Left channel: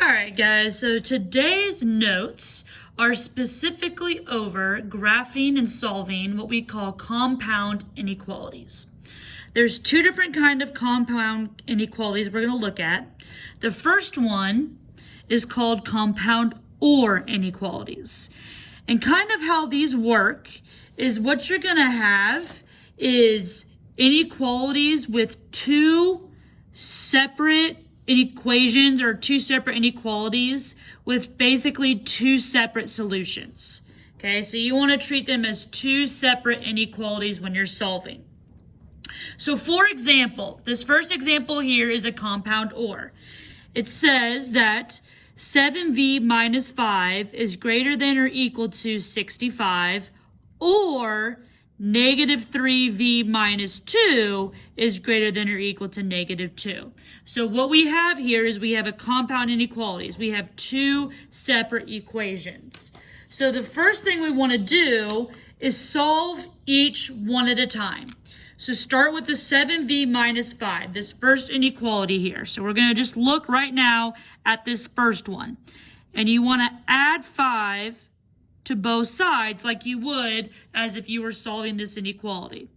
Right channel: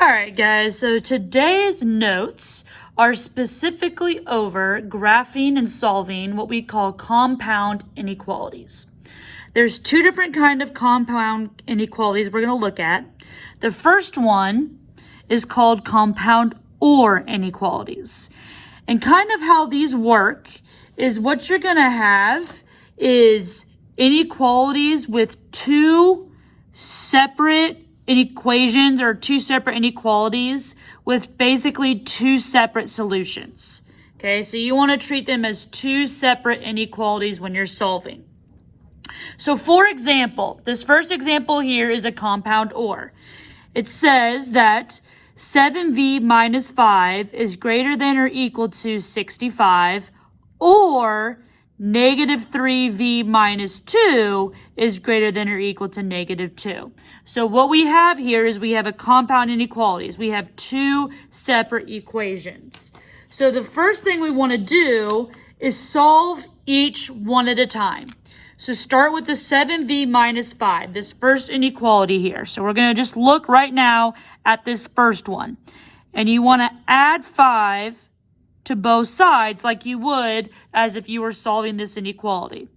All right, guys, so today's notes are specifically over graphing and solving what we call compound inequalities. There's two different kinds of compound inequalities we're going to look at. The first one is called compound OR inequalities. And kind of how these work is what you're going to have is inequalities with two separate equations or two separate inequalities with basically two separate solutions. Okay, so you want to treat them as two separate inequalities when you're solving. So for example, this first example here is a compound OR. It says that 7v minus 5 is greater than or equal to 65, or negative 3v minus 2 is greater than or equal to negative 2. So what we have here is we have a compound inequalities. We have two separate equations. So the first thing we want to do is solve each one at a time. So start with the 7v minus 5, this first inequality here. So we're going to just look right now at this first one. And you want to add 5 to both sides like you would as if you were solving this inequality.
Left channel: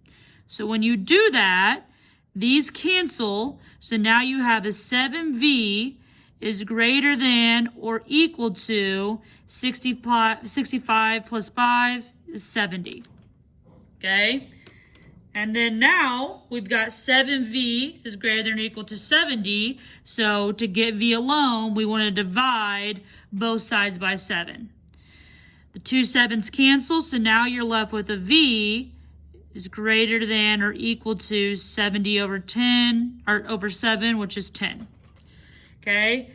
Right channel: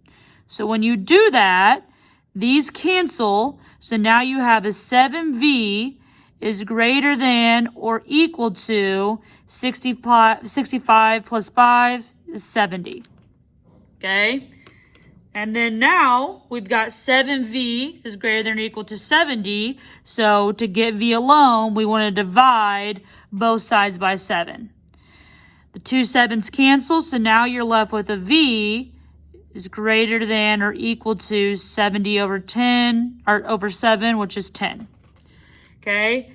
So when you do that, these cancel. So now you have a 7v is greater than or equal to 65 plus 5 is 70. Okay? And then now we've got 7v is greater than or equal to 70. So to get v alone, we want to divide both sides by 7. The two 7s cancel, so now you're left with a v is greater than or equal to 70 over 10, or over 7, which is 10. Okay?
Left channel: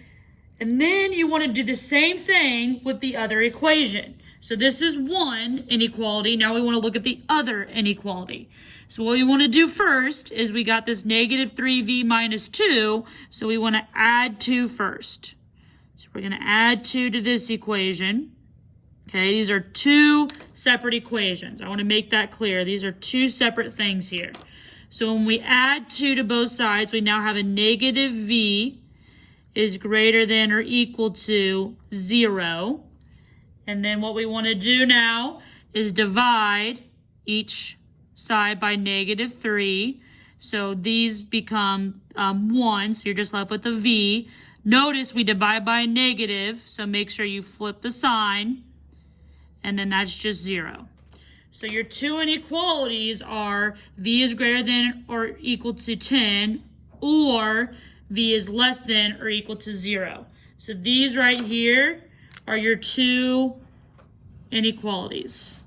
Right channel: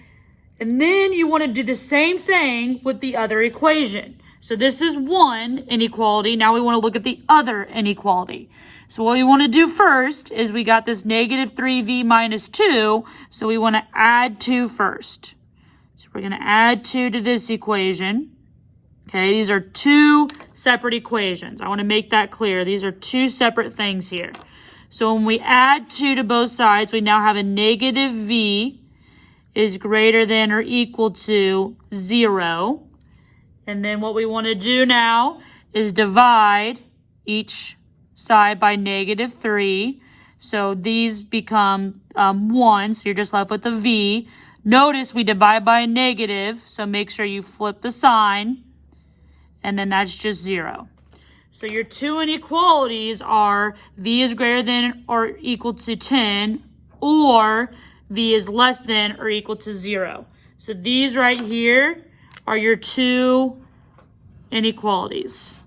And then you want to do the same thing with the other equation. So this is one inequality. Now we want to look at the other inequality. So what we want to do first is we got this negative 3v minus 2, so we want to add 2 first. So we're going to add 2 to this equation. Okay, these are two separate equations. I want to make that clear. These are two separate things here. So when we add 2 to both sides, we now have a negative v is greater than or equal to 0. And then what we want to do now is divide each side by negative 3. So these become 1, so you're just left with a v. Notice we divide by a negative, so make sure you flip the sign. And then that's just 0. So your two inequalities are v is greater than or equal to 10, or v is less than or equal to 0. So these right here are your two inequalities.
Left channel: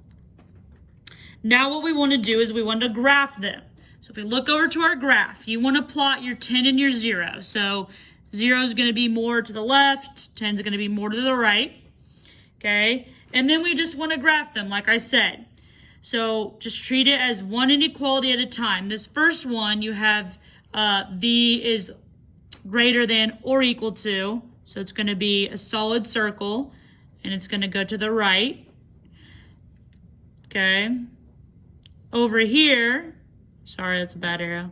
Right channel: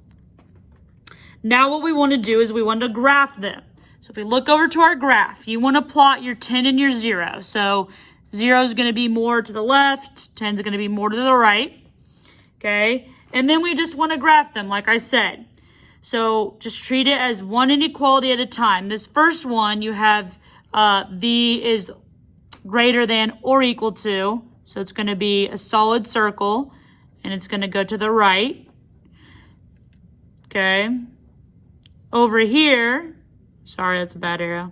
Now what we want to do is we want to graph them. So if we look over to our graph, you want to plot your 10 and your 0. So 0 is going to be more to the left, 10 is going to be more to the right. Okay? And then we just want to graph them, like I said. So just treat it as one inequality at a time. This first one, you have v is greater than or equal to. So it's going to be a solid circle, and it's going to go to the right. Okay. Over here, sorry, that's a bad arrow.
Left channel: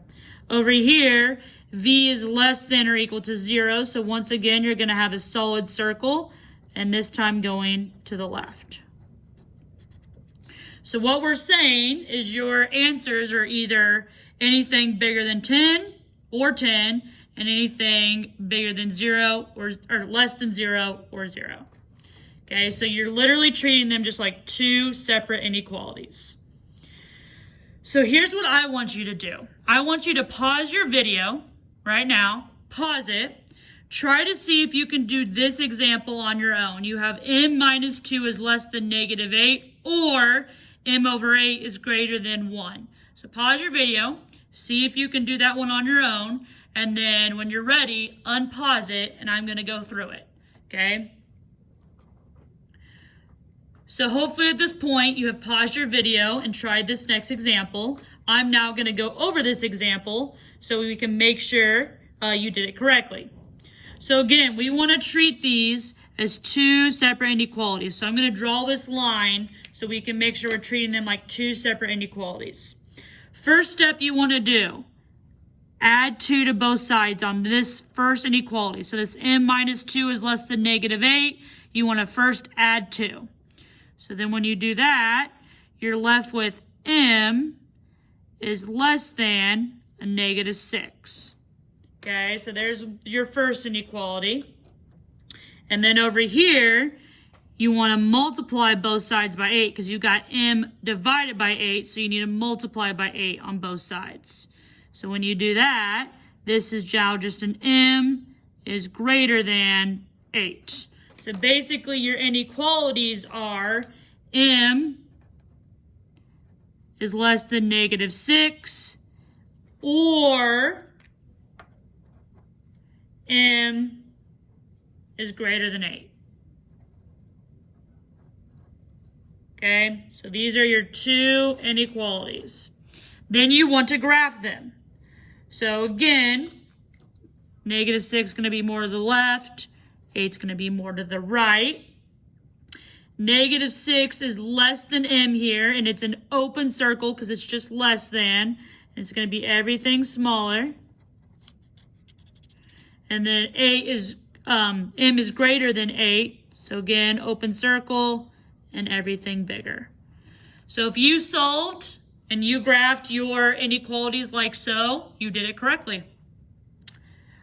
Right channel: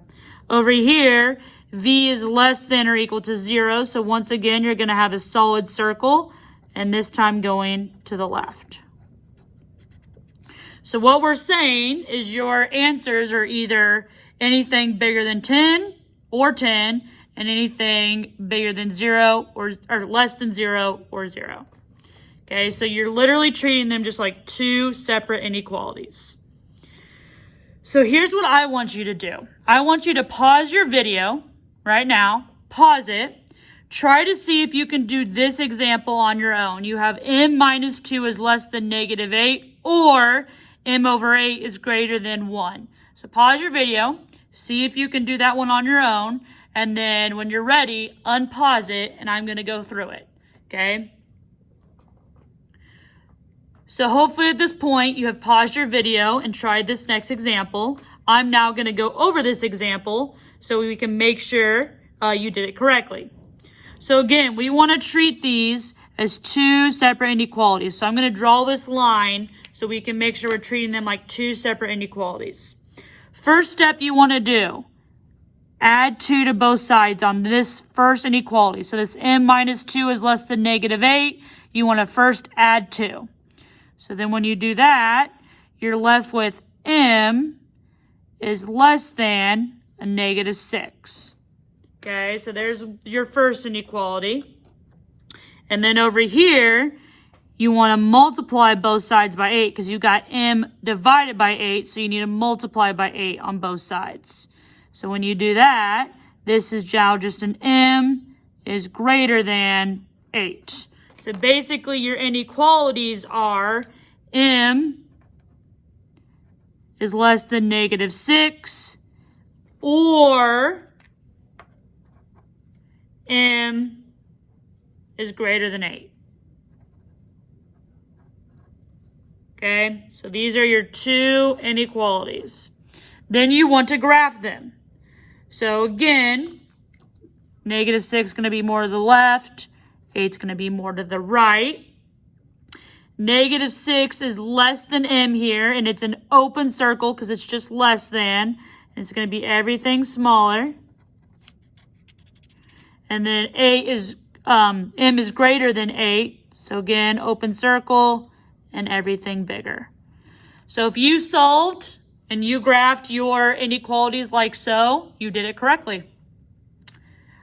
Over here, v is less than or equal to 0. So once again, you're going to have a solid circle, and this time going to the left. So what we're saying is your answers are either anything bigger than 10 or 10, and anything bigger than 0 or less than 0 or 0. Okay, so you're literally treating them just like two separate inequalities. So here's what I want you to do. I want you to pause your video right now, pause it. Try to see if you can do this example on your own. You have m minus 2 is less than negative 8, or m over 8 is greater than 1. So pause your video, see if you can do that one on your own, and then when you're ready, unpause it, and I'm going to go through it, okay? So hopefully at this point, you have paused your video and tried this next example. I'm now going to go over this example so we can make sure you did it correctly. So again, we want to treat these as two separate inequalities. So I'm going to draw this line so we can make sure we're treating them like two separate inequalities. First step you want to do, add 2 to both sides on this first inequality. So this m minus 2 is less than -8. You want to first add 2. So then when you do that, you're left with m is less than a -6. Okay, so there's your first inequality. And then over here, you want to multiply both sides by 8 because you got m divided by 8, so you need to multiply by 8 on both sides. So when you do that, this is now just an m is greater than 8. So basically your inequalities are m is less than -6 or m is greater than 8. Okay, so these are your two inequalities. Then you want to graph them. So again, -6 is going to be more to the left, 8 is going to be more to the right. -6 is less than m here, and it's an open circle because it's just less than. And it's going to be everything smaller. And then 8 is m is greater than 8. So again, open circle and everything bigger. So if you solved and you graphed your inequalities like so, you did it correctly.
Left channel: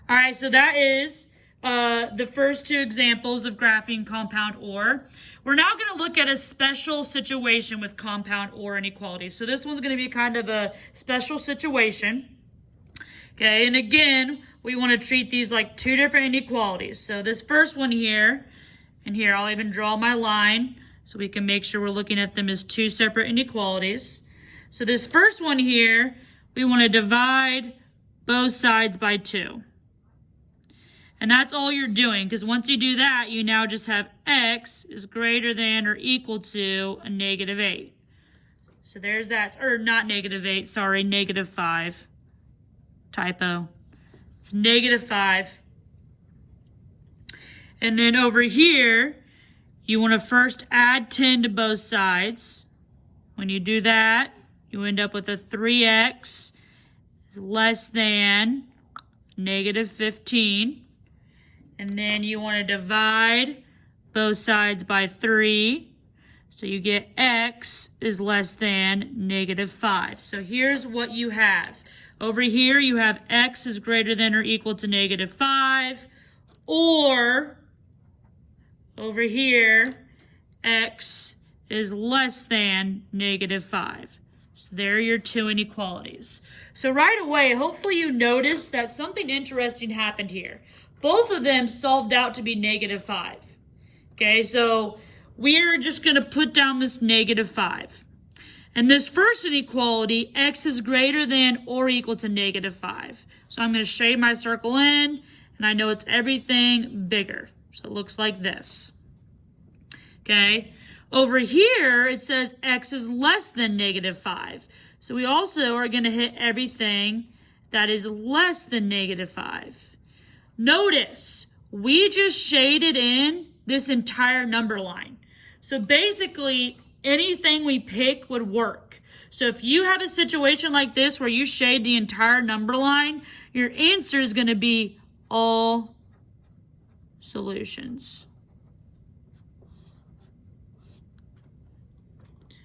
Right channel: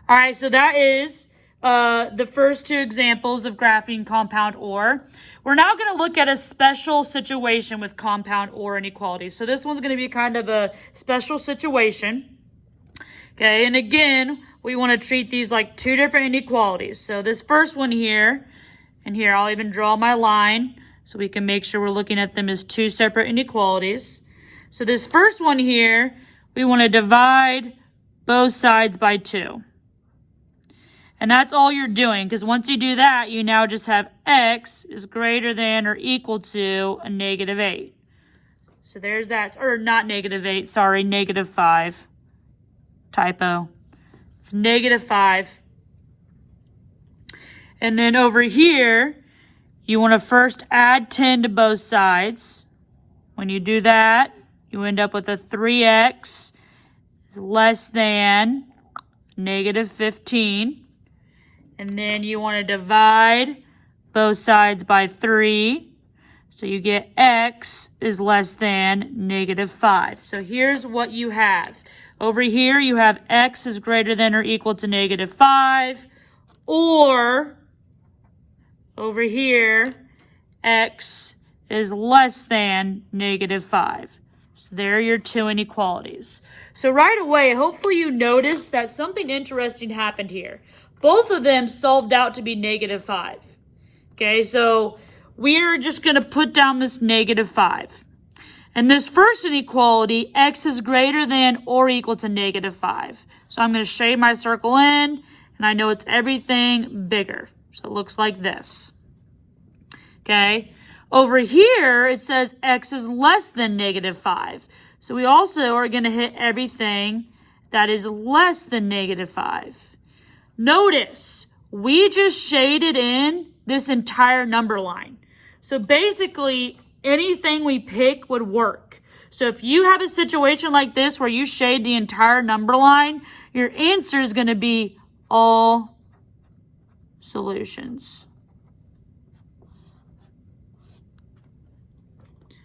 All right, so that is the first two examples of graphing compound OR. We're now going to look at a special situation with compound OR inequalities. So this one's going to be kind of a special situation. Okay, and again, we want to treat these like two different inequalities. So this first one here, and here I'll even draw my line so we can make sure we're looking at them as two separate inequalities. So this first one here, we want to divide both sides by 2. And that's all you're doing, because once you do that, you now just have x is greater than or equal to a -8. So there's that, or not -8, sorry, -5. Typo. It's -5. And then over here, you want to first add 10 to both sides. When you do that, you end up with a 3x is less than -15. And then you want to divide both sides by 3. So you get x is less than -5. So here's what you have. Over here, you have x is greater than or equal to -5. Or over here, x is less than -5. So there are your two inequalities. So right away, hopefully you noticed that something interesting happened here. Both of them solved out to be -5. Okay, so we're just going to put down this -5. And this first inequality, x is greater than or equal to -5. So I'm going to shade my circle in, and I know it's everything bigger. So it looks like this. Okay, over here, it says x is less than -5. So we also are going to hit everything that is less than -5. Notice, we just shaded in this entire number line. So basically, anything we pick would work. So if you have a situation like this where you shade the entire number line, your answer is going to be all solutions.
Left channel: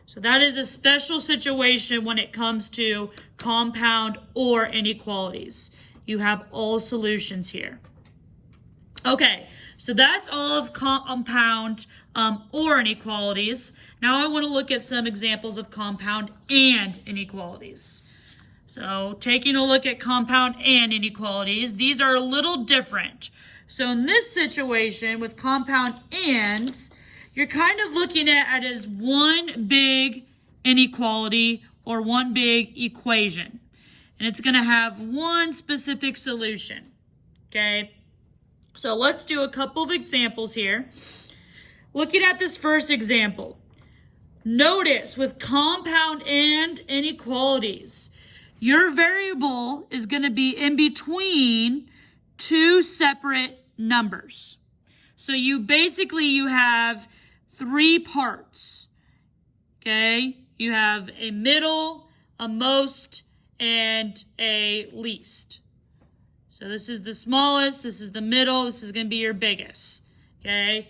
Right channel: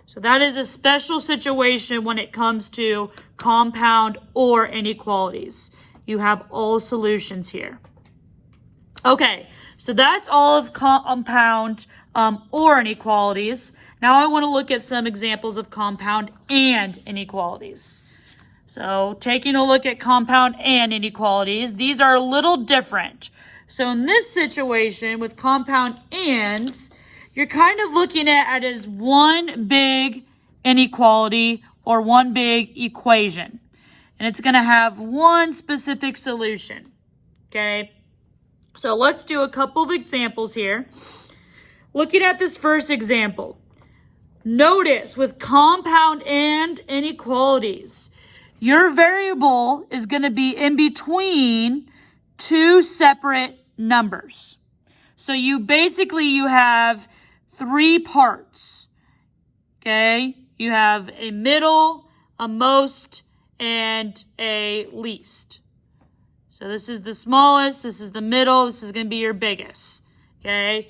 So that is a special situation when it comes to compound OR inequalities. You have all solutions here. Okay, so that's all of compound OR inequalities. Now I want to look at some examples of compound AND inequalities. So taking a look at compound AND inequalities, these are a little different. So in this situation with compound ANDs, you're kind of looking at it as one big inequality or one big equation. And it's going to have one specific solution. Okay, so let's do a couple of examples here. Looking at this first example, notice with compound AND inequalities, your variable is going to be in between two separate numbers. So you have 3 parts. Okay, you have a middle, a most, and a least. So this is the smallest, this is the middle, this is going to be your biggest, okay?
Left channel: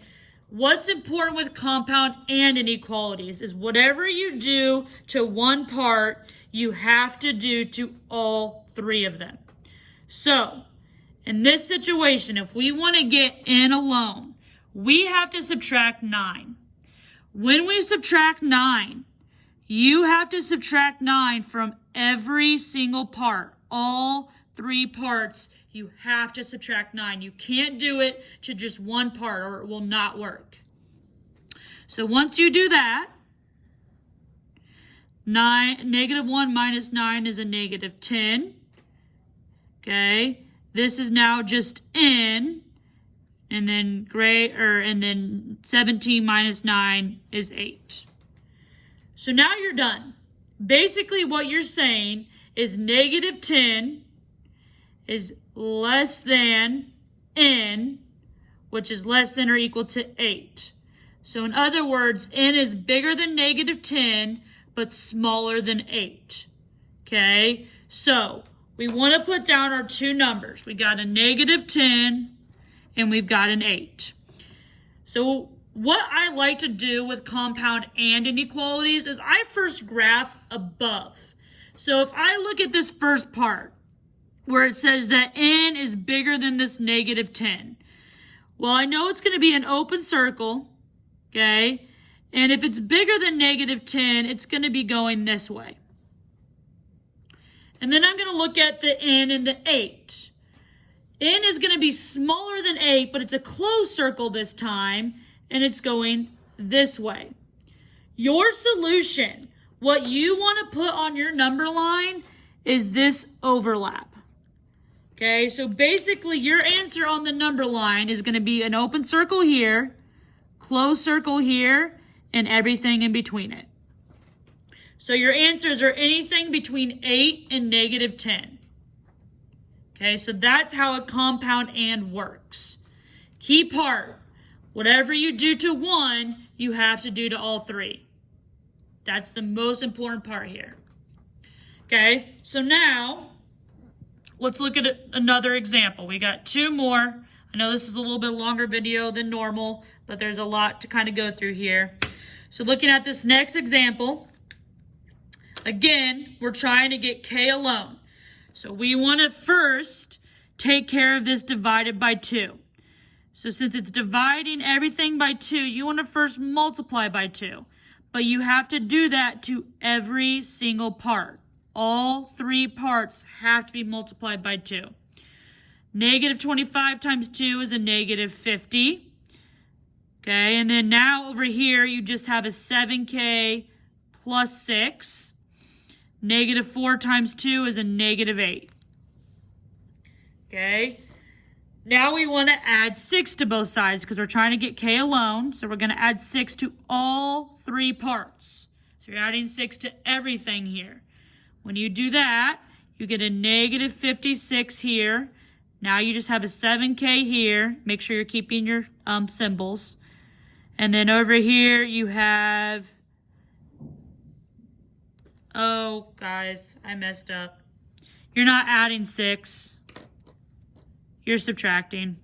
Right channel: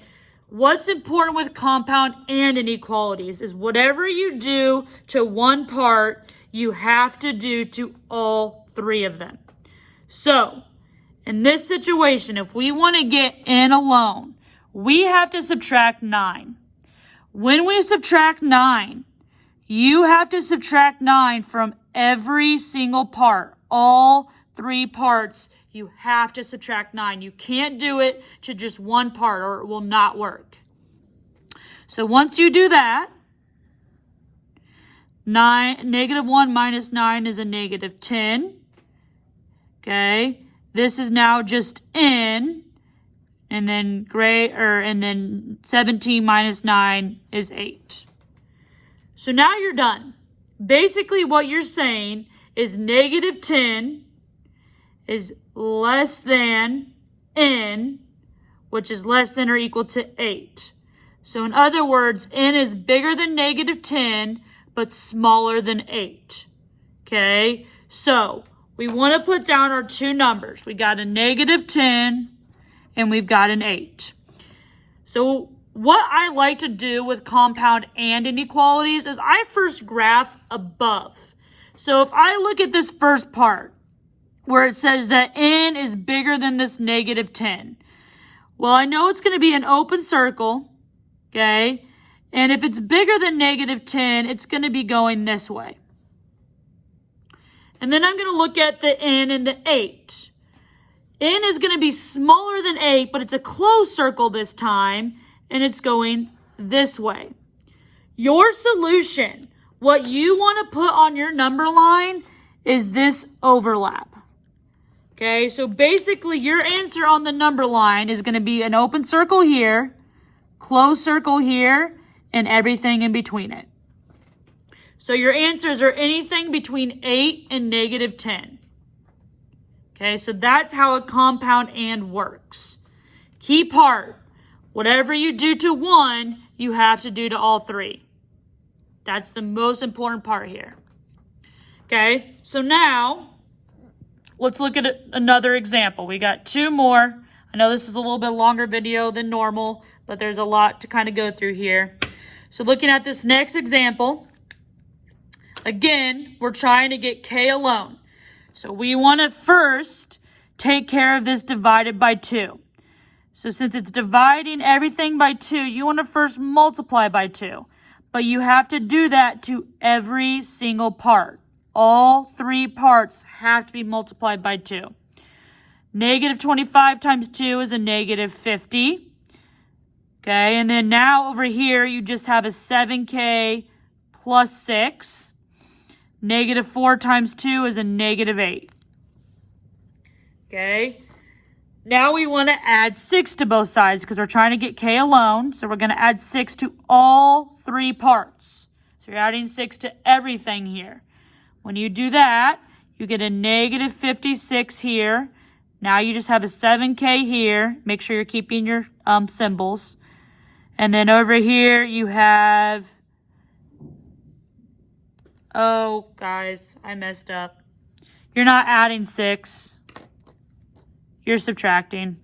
What's important with compound and inequalities is whatever you do to one part, you have to do to all three of them. So, in this situation, if we want to get n alone, we have to subtract 9. When we subtract 9, you have to subtract 9 from every single part, all three parts. You have to subtract 9. You can't do it to just one part or it will not work. So once you do that, -1 minus 9 is a -10. Okay, this is now just n, and then and then 17 minus 9 is 8. So now you're done. Basically what you're saying is -10 is less than n, which is less than or equal to 8. So in other words, n is bigger than -10, but smaller than 8. Okay, so we want to put down our two numbers. We got a -10 and we've got an 8. So what I like to do with compound and inequalities is I first graph above. So if I look at this first part, where it says that n is bigger than this -10. Well, I know it's going to be an open circle, okay? And if it's bigger than -10, it's going to be going this way. And then I'm going to look at the n and the 8. N is going to be smaller than 8, but it's a closed circle this time, and it's going this way. Your solution, what you want to put on your number line, is this overlap. Okay, so basically your answer on the number line is going to be an open circle here, closed circle here, and everything in between it. So your answers are anything between 8 and -10. Okay, so that's how a compound and works. Key part, whatever you do to one, you have to do to all three. That's the most important part here. Okay, so now let's look at another example. We got two more. I know this is a little bit longer video than normal, but there's a lot to kind of go through here. So looking at this next example, again, we're trying to get k alone. So we want to first take care of this divided by 2. So since it's dividing everything by 2, you want to first multiply by 2. But you have to do that to every single part. All three parts have to be multiplied by 2. -25 times 2 is a -50. Okay, and then now over here, you just have a 7k plus 6. -4 times 2 is a -8. Okay, now we want to add 6 to both sides because we're trying to get k alone. So we're going to add 6 to all three parts. So you're adding 6 to everything here. When you do that, you get a -56 here. Now you just have a 7k here. Make sure you're keeping your symbols. And then over here you have, oh guys, I messed up. You're not adding 6. You're subtracting.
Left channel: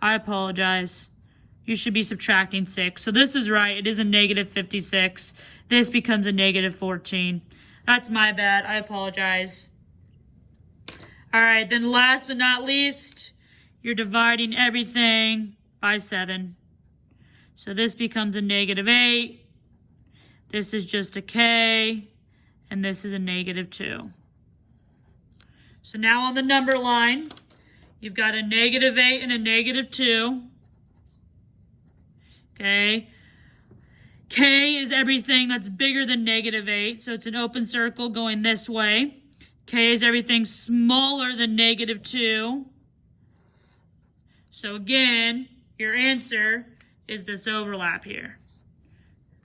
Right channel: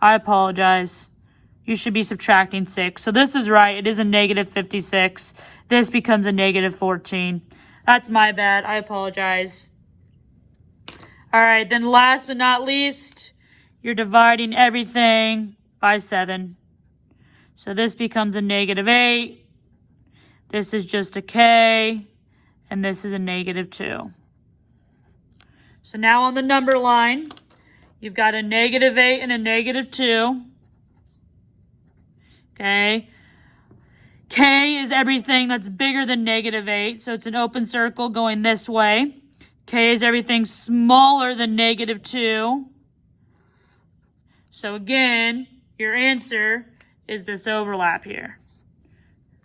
I apologize. You should be subtracting 6. So this is right. It is a -56. This becomes a -14. That's my bad. I apologize. All right, then last but not least, you're dividing everything by 7. So this becomes a -8. This is just a k, and this is a -2. So now on the number line, you've got a -8 and a -2. Okay. K is everything that's bigger than -8, so it's an open circle going this way. K is everything smaller than -2. So again, your answer is this overlap here.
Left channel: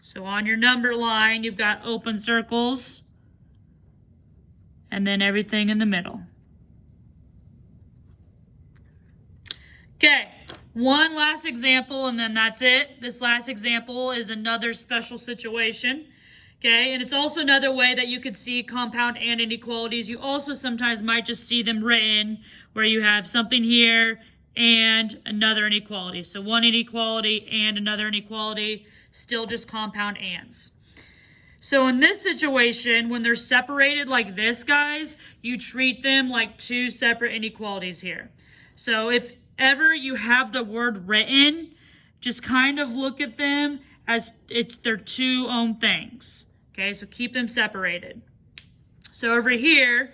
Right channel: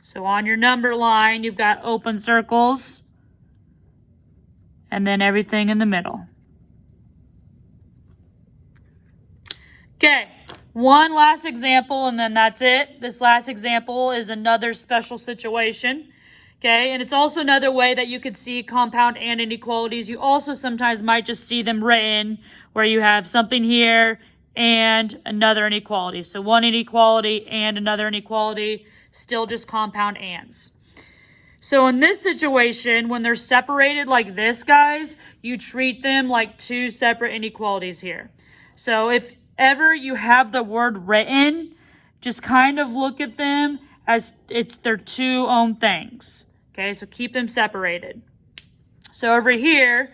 So on your number line, you've got open circles and then everything in the middle. Okay. One last example, and then that's it. This last example is another special situation. Okay, and it's also another way that you could see compound and inequalities. You also sometimes might just see them written where you have something here and another inequality. So one inequality and another inequality, still just compound ands. So in this situation, when they're separated like this, guys, you treat them like two separate inequalities here. So if ever you have the word written, just kind of look at them as they're two own things. Okay, so keep them separated. So over here,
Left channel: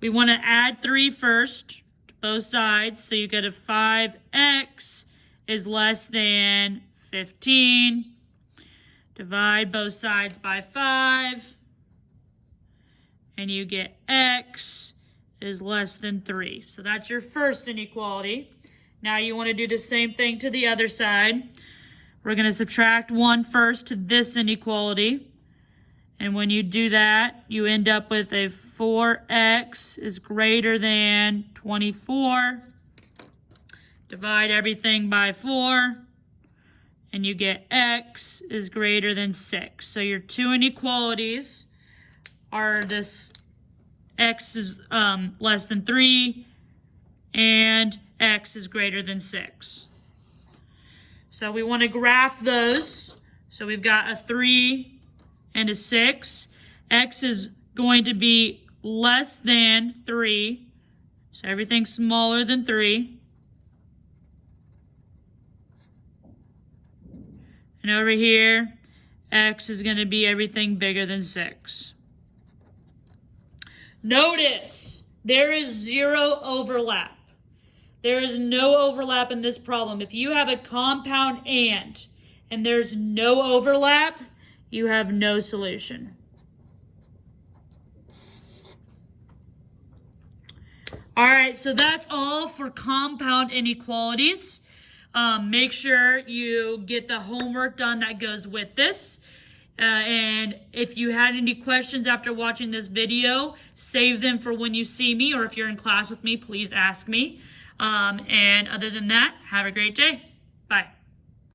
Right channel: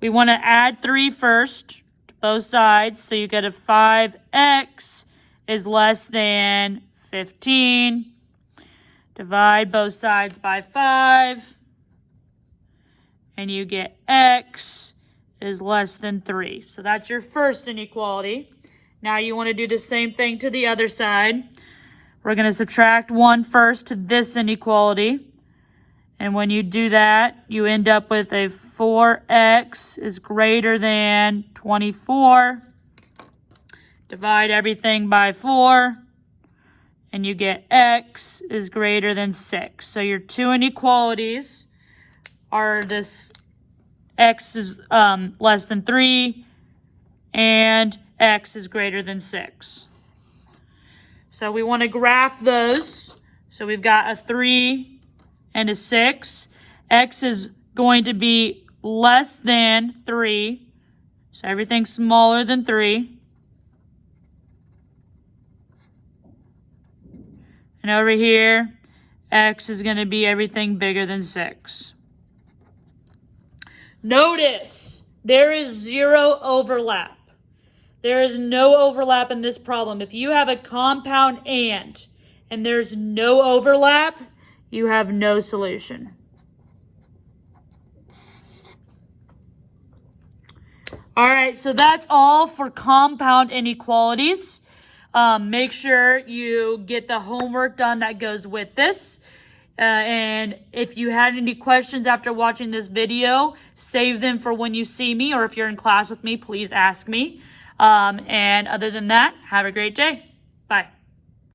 we want to add 3 first to both sides. So you get a 5x is less than 15. Divide both sides by 5. And you get x is less than 3. So that's your first inequality. Now you want to do the same thing to the other side. We're going to subtract 1 first to this inequality. And when you do that, you end up with a 4x is greater than 24. Divide everything by 4. And you get x is greater than 6. So your two inequalities are this x is less than 3 and x is greater than 6. So we want to graph those. So we've got a 3 and a 6. X is going to be less than 3. So everything's smaller than 3. And over here, x is going to be everything bigger than 6. Notice, there is 0 overlap. There is no overlap in this problem. If you have a compound and there's no overlap, you have no solution. All right, so that's all for compound inequalities. Make sure you get the homework done that goes with this. And if you had any questions after watching this video, save them for when you see me, or if you're in class with me, please ask me. And other than that, have a great day. Bye.